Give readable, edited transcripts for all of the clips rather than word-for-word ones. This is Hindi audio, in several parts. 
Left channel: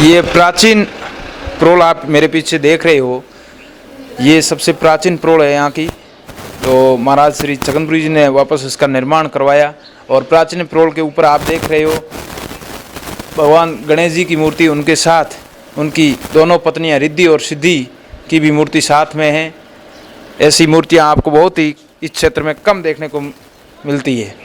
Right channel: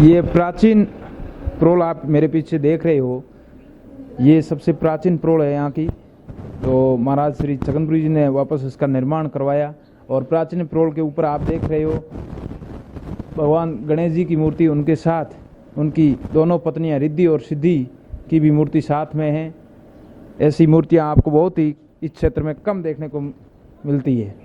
ये प्राचीन प्रोल आप मेरे पीछे देख रहे हो, ये सबसे प्राचीन प्रोल है यहाँ की। तो महाराज श्री छगनपुरी जी ने वापस इसका निर्माण करवाया। और प्राचीन प्रोल के ऊपर आप देख रहे हो भगवान गणेश जी की मूर्ति, उनके साथ उनकी दोनों पत्नियां रिद्धि और सिद्धि की भी मूर्ति साथ में है। ऐसी मूर्तियां आपको बहुत ही इस क्षेत्र में कम देखने को मिलती है।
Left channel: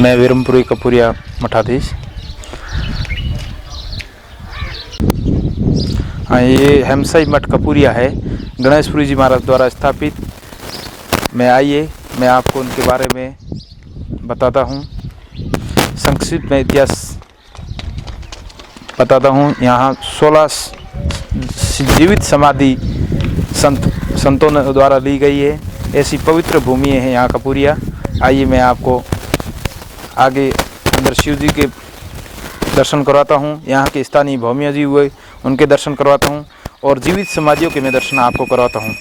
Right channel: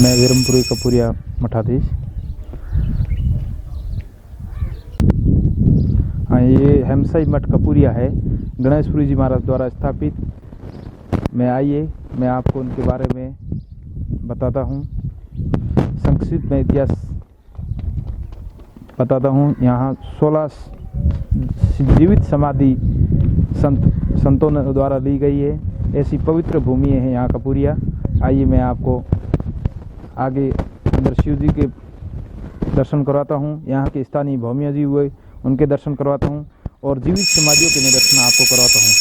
मैं वीरमपुरी कपूरिया मठाधीश। हाँ, ये हेमसाई मठ कपूरिया है, गणेशपुरी जी महाराज द्वारा स्थापित। मैं आइए मैं आपको उनके बारे में बताता हूँ, संक्षिप्त में इतिहास बताता हूँ। यहाँ 16 जीवित समाधि संतों द्वारा ली गई है। ऐसी पवित्र भूमि है यहाँ कपूरिया। आइए मैं आपको आगे अंदर शिव जी के दर्शन करवाता हूँ, यहाँ के स्थानीय भौमिया जी हुए उनके दर्शन करवाता हूँ, और जीवित समाधियों के मैं दर्शन आपको करवाता हूँ।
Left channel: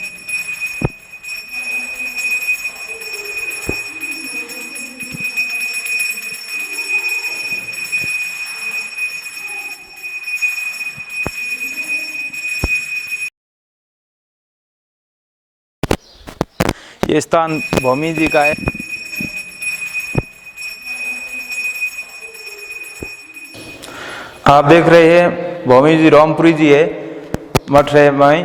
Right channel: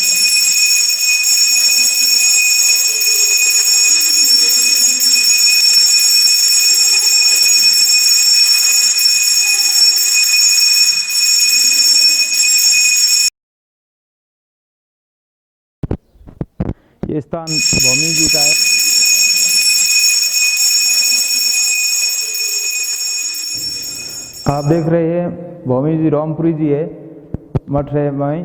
ये स्थान भौमी जी का है। आप देख रहे हैं भौमी जी रामपुरी जी है, मठ है वहीं।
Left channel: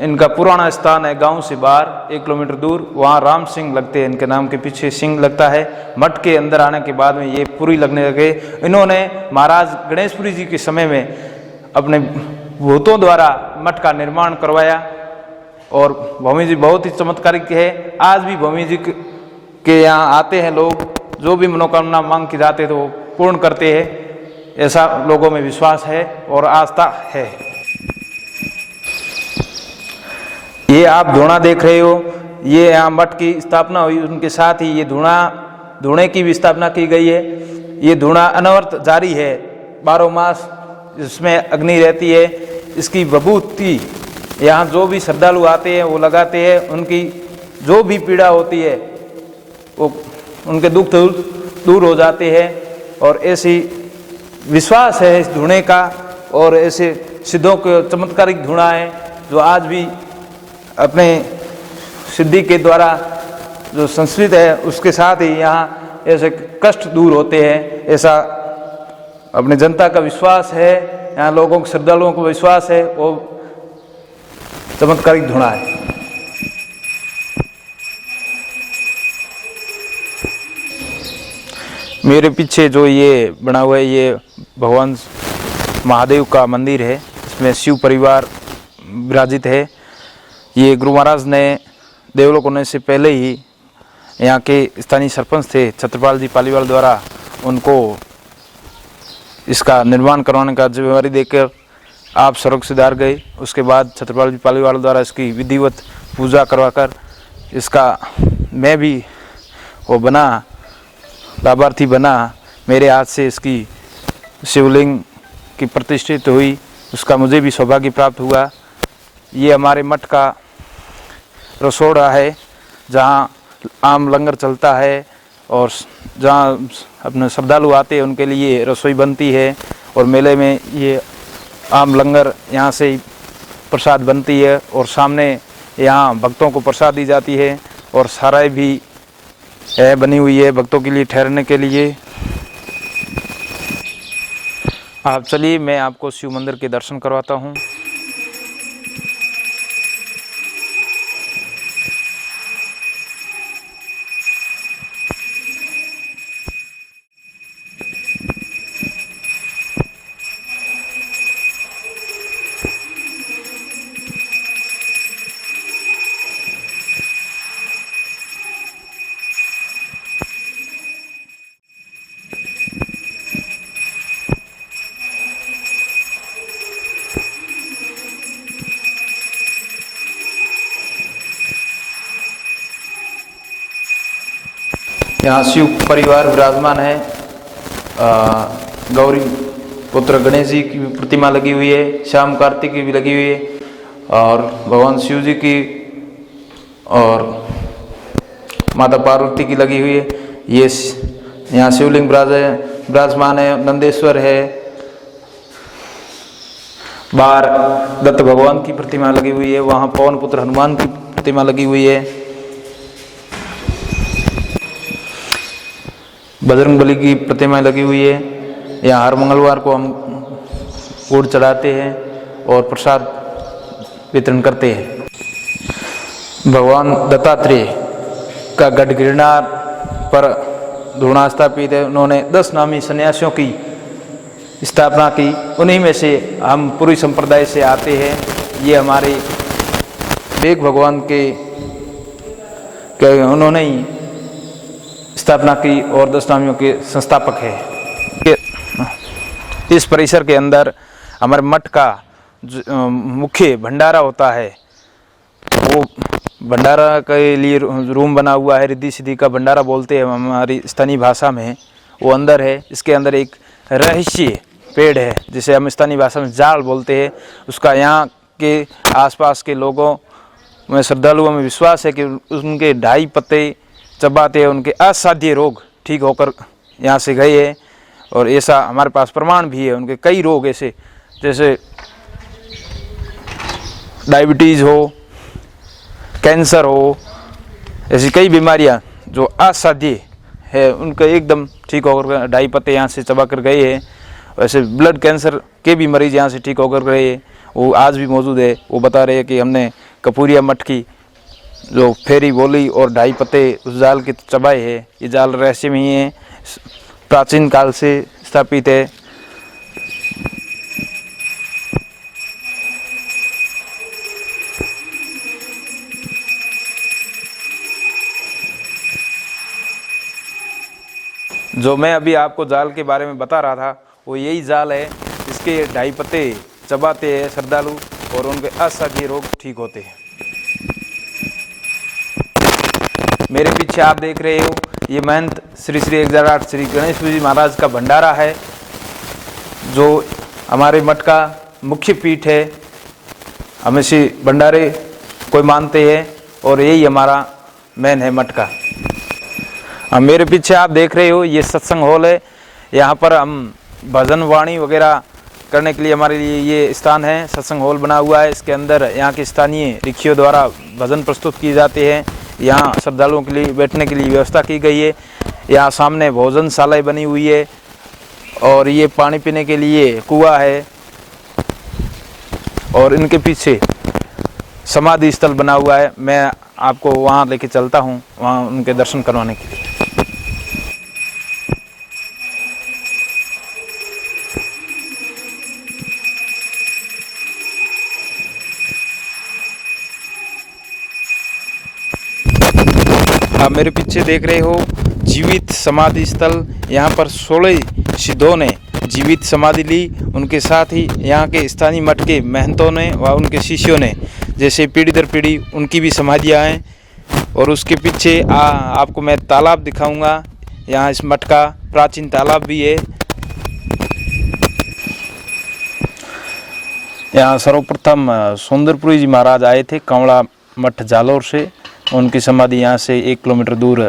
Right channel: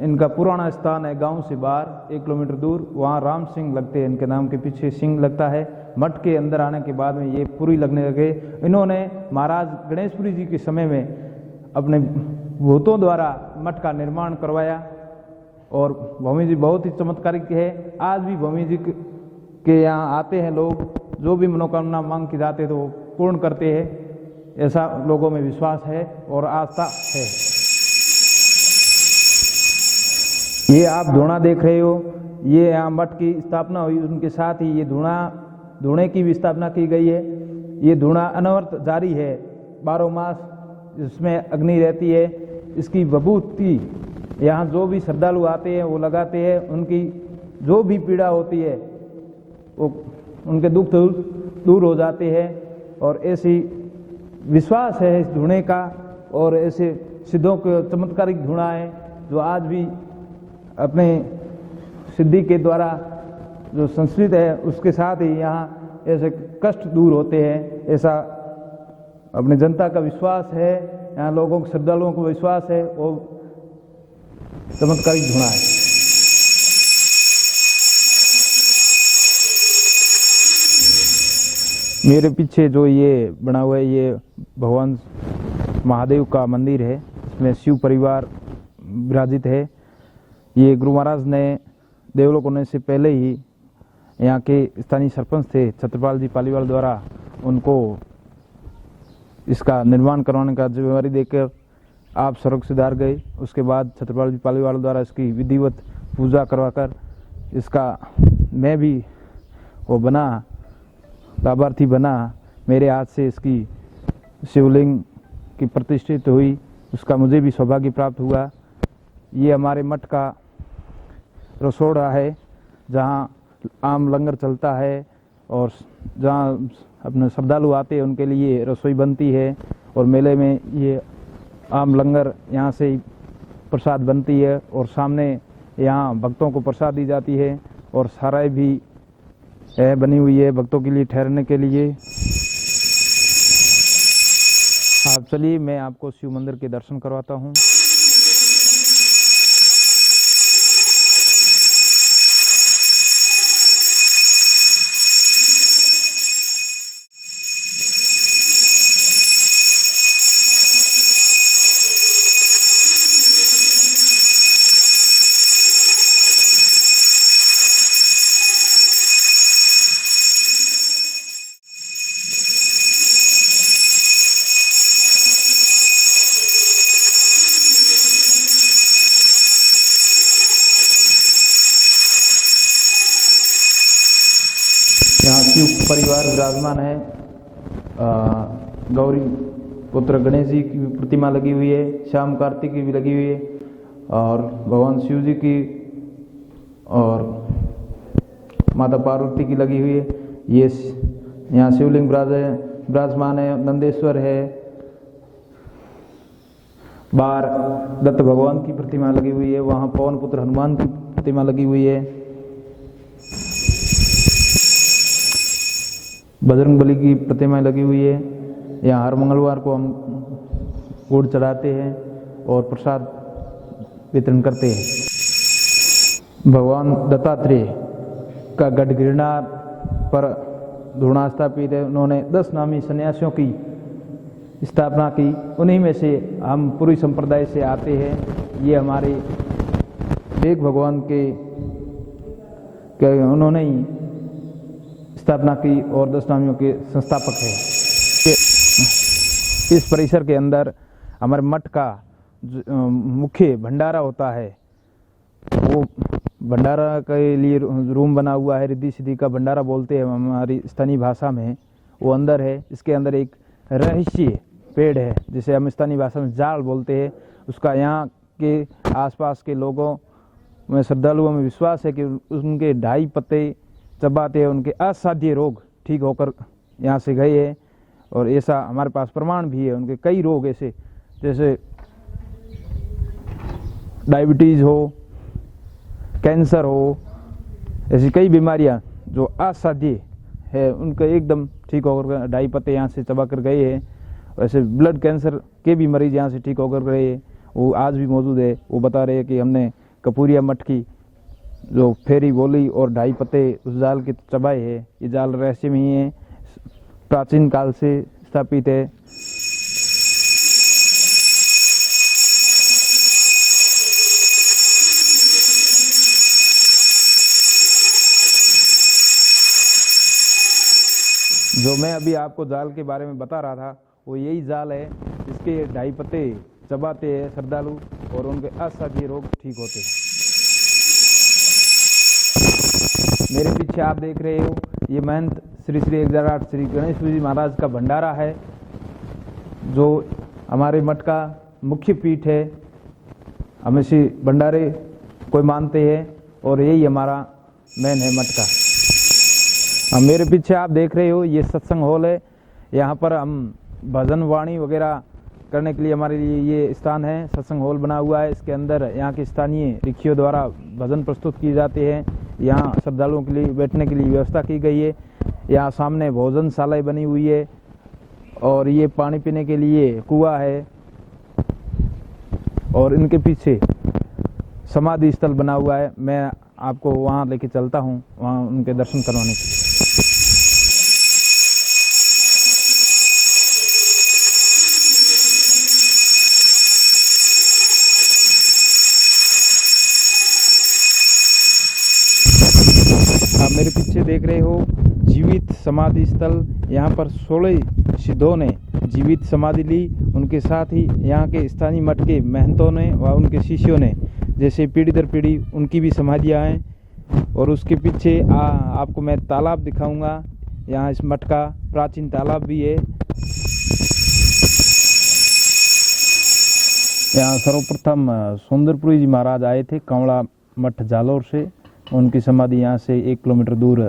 इनका पुराना स्थान है गांव से बाहर 1 किलोमीटर दूर, वहाँ राम सिंह लगते हैं, इनके नाम के पीछे सिंह लगता है। मठ के अंदर आने के बाद में ये पुरी लगने लगे। इन्होंने महाराज गणेशपुरी जी के समय में अपने भूतों द्वारा मठ का निर्माण करवाया। और भौमी जी बहुत ही चमत्कारिक है। आज भी भौमी जी के यहाँ आते हैं लोग, जो भी मनोकामना मांग के जाते हैं तो वो पूर्ण करते हैं, ऐसा लोगों में विश्वास है और आस्था है। ये आप धूणा देख रहे हो, ये यहाँ मठ की स्थापना हुई, उनके साथ ही ये धूणे की भी स्थापना की गई है। ये धूणा अनवरत जारी है 12 मास, इसमें अग्नि रहती है। इसकी विभूति यहाँ जो भी श्रद्धालु आते हैं वो लगाते हैं, उनकी जो भी पीड़ा होती है वो उनके दुख दूर हो जाते हैं। और ऐसी विश्वास है इस धूणे का, और ऐसे सिद्धों के चमत्कारिक धूणा है जो आज भी अपने सिद्धि के द्वारा जो संस्कृत है उसके साथ ही यहाँ ऐसे कष्ट दूर होते हैं, ऐसा अपने जनता का विश्वास है। यहाँ लोगों के श्रद्धालुओं को विश्वास है, वो चमत्कारिक धूणा है। मेरे पीछे जो ये बना हुआ है ये भगवान महादेव का मंदिर है, इसमें शिव परिवार विराजित है। ये गुरु महाराज ने देवलोक होने से पहले ही यहाँ के स्थानीय सरपंच थे छत्रपाल जी पालीवाल द्वारा उनको इसका निर्माण करवाने का जिम्मेवारी देकर आप स्वर्ग सिधार गए। उसके बाद छत्रपाल जी पालीवाल द्वारा इसकी विधिवत पूजा करवाकर इसका मैं भी वो बना, लाभार्थी बना। मेरे हाथ से इसकी शिवलिंग की प्रतिष्ठित हुई, उसका मुझे भी सौभाग्य प्राप्त हुआ। ये हमारे मठ का रसोड़ा है जहाँ आम लंगर चलता है, और जहाँ अपने श्रद्धालु आते हैं उनके लिए रसोई बनती है। और मेले में ये आम लंगर यहाँ से ही प्रसाद बनती है, और सामने यहाँ भक्तों को प्रसाद दी जाती है। और सराय भी है बनी हुई है भक्तों के लिए ठहरने के लिए। आप चलिए मैं आपको शिव मंदिर के दर्शन करवाता हूँ। यहाँ शिव परिवार विराजमान है। गौरी पुत्र गणेश जी की प्रतिमा लगी हुई है, श्याम कार्तिक की भी लगी हुई है, और भगवान शिव जी की और माता पार्वती की लगी हुई है। ये यहाँ शिवलिंग विराजमान है, नंदेश्वर है, बाहर दत्त भगवान की प्रतिमा लगी हुई है, वहाँ पवन पुत्र हनुमान की प्रतिमा लगी हुई है, बजरंगबली की प्रतिमा लगी हुई है। यहाँ हर मंगलवार को हम गुड़ चढ़ाते हैं और प्रसाद वितरण करते हैं। भगवान दत्तात्रेय का गढ़ गिरनार पर धूणा स्थापित है। उन्होंने 10 नामी सन्यासियों की स्थापना की, उन्हीं में से हम पूरी संप्रदाय से आते हैं। ये हमारे एक भगवान के उन्होंने ही स्थापना की और 10 नामियों के संस्थापक है। इस परिसर के अंदर हमारे मठ का मुख्य भंडारा होता है। वो भंडारा के लिए रूम बना हुआ है, रिद्धि सिद्धि का भंडारा बोलते हैं हमारी स्थानीय भाषा में। वो अंदर है, इसके अंदर एक रहस्य पेड़ है जिसे हम स्थानीय भाषा में जाल बोलते हैं। उसका यहाँ के आसपास के लोगों में, श्रद्धालुओं में विश्वास है कि उनके 2.5 पत्ते चबाते हैं उनके असाध्य रोग ठीक होकर यहाँ से गए हैं। और ऐसा हमारे पास प्रमाण भी है। उनके कई रोग ऐसे जैसे डायबिटीज़ हो, कैंसर हो, ऐसी कई बीमारियाँ जो असाध्य है उनका एकदम ठीक होकर 2.5 पत्ते यहाँ से चबा कर गए हैं। वैसे ब्लड कैंसर के भी मरीज यहाँ से ठीक होकर गए हैं, वो आज भी मौजूद है। वो बता रहे हैं कि हमने कपूरिया मठ की जो फेरी बोली और 2.5 पत्ते उस जाल के चबाए हैं। ये जाल रहस्यमयी है, प्राचीन काल से स्थापित है। जो मैं अभी आपको जाल के बारे में बता रहा था वो यही जाल है। इसके 2.5 पत्ते चबाते हैं श्रद्धालु और उनके असाध्य रोग ठीक होते हैं। मेरे पीछे आप देख रहे हो ये महंत श्री 1008 श्री गणेश जी महाराज का भंडारा है, जो हमारे मठ का मुख्य पीठ है। हम इसी भंडारे को मानते हैं और यही हमारा मेन है मठ का। अब मेरे पीछे आप देख रहे हो ये सत्संग हॉल है। यहाँ पर हम भजन वाणी वगैरह करने के लिए हमारे लिए ये स्थान है। सत्संग हॉल बना हुआ है, इसके अंदर यहाँ के स्थानीय ऋषियों द्वारा भजन प्रस्तुत किए जाते हैं। यहाँ श्रद्धालुओं के लिए बैठने के लिए व्यवस्था की गई है। यहाँ सामने भोजनशाला बनी हुई है और ये पानी पीने के लिए कुआं है। और इनके पीछे समाधि स्थल बना हुआ है। मैं आपको वहाँ लेके चलता हूँ, वहाँ उनके दर्शन करवाने के लिए। आप मेरे पीछे देख रहे हो जीवित समाधि स्थल। यहाँ पर 16 सिद्धों ने जीवित समाधि ली। उनके साथ ही यहाँ के स्थानीय मठ के महंतों ने व उनके शिष्यों ने, जैसे पीढ़ी दर पीढ़ी उनकी भी समाधियाँ हैं। और उसके पीछे आपको मैं तालाब दिखाऊंगा। यहाँ इस मठ का प्राचीन तालाब भी है। यहाँ सर्वप्रथम सुंदरपुरी जी महाराज आए थे कंवड़ा मठ जालोर से। उनकी समाधि यहाँ से 1 किलोमीटर दूर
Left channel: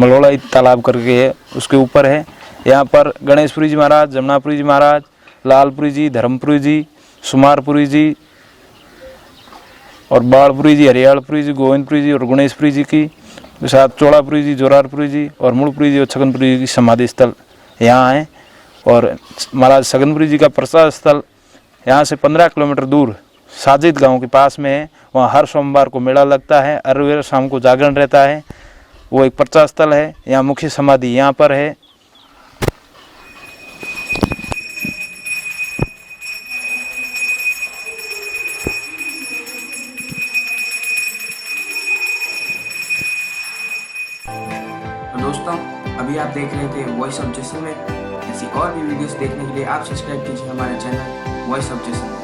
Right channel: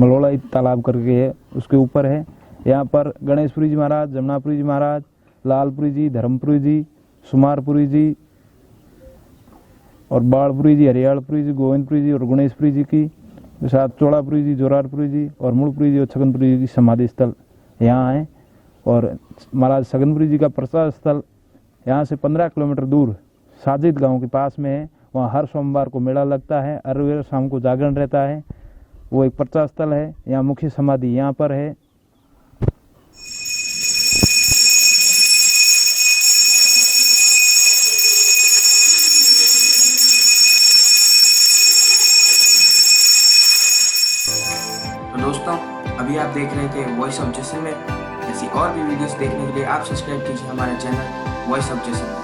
मलोड़ा तालाब करके है, उसके ऊपर है। यहाँ पर गणेशपुरी जी महाराज, जमुनापुरी जी महाराज, लालपुरी जी, धर्मपुरी जी, सुमारपुरी जी और बाड़पुरी जी, हरियालपुरी जी, गोविंदपुरी जी और गणेशपुरी जी की साथ चौड़ापुरी जी, जोरारपुरी जी और मूलपुरी जी और छगनपुरी जी की समाधि स्थल यहाँ है। और महाराज छगनपुरी जी का प्रसाद स्थल यहाँ से 15 किलोमीटर दूर साजिद गांव के पास में है। वहाँ हर सोमवार को मेला लगता है, हर शाम को जागरण रहता है। वो एक प्रचार स्थल है। यहाँ मुख्य समाधि यहाँ पर है। तो दोस्तों, अभी आप देख रहे थे वॉइस ऑफ जैसलमेर। ऐसी और भी वीडियोस देखने के लिए आप सब्सक्राइब कीजिए हमारे चैनल वॉइस ऑफ जैसलमेर।